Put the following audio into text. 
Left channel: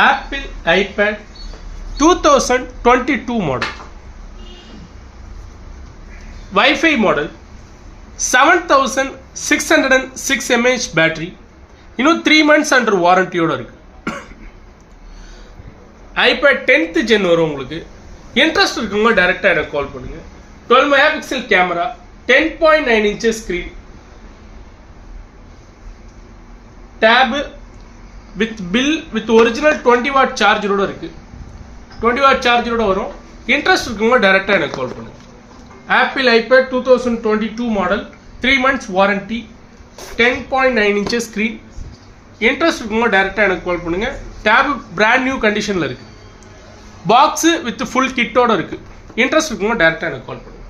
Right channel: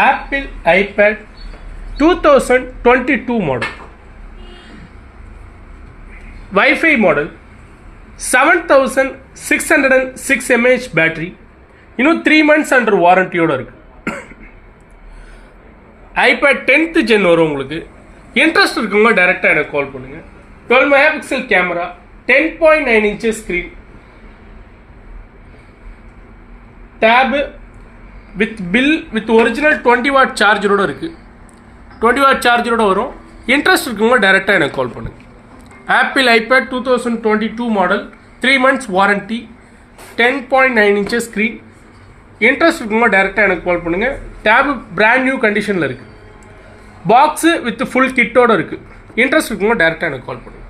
Apple iPad 2022 model, wifi model, 7606 mAh battery, இன்னும் 3 months under வாரண்டியோடு இருக்குது. IPad 10th gen வரும். உங்களுக்கு இன்ட்ரெஸ்ட் இருக்குங்க டைரெக்டாக எனக்கு கால் பண்ணுங்கள். 12 MP camera, 10.9 inches screen, tab with original 20 watt சார்ஜரோடு இருக்குது. 20 watt சார்ஜரோடு வரும். இன்ட்ரெஸ்ட் இருக்குங்க டைரெக்டாக எனக்கு கால் பண்ணுங்கள். Apple iPad 2022 model, 3 months warranty, 10.9 inches screen. Interest இருக்குங்க டைரெக்டாக எனக்கு கால் பண்ணுங்கள். டேபு பிராண்ட் நியூ கண்டிஷனில் இருக்குது. பாக்ஸு வித் ஃபுல் கிட்டோடு இருக்குது. இன்ட்ரெஸ்ட் இருக்குங்க டைரெக்டாக எனக்கு கால் பண்ணுங்கள்.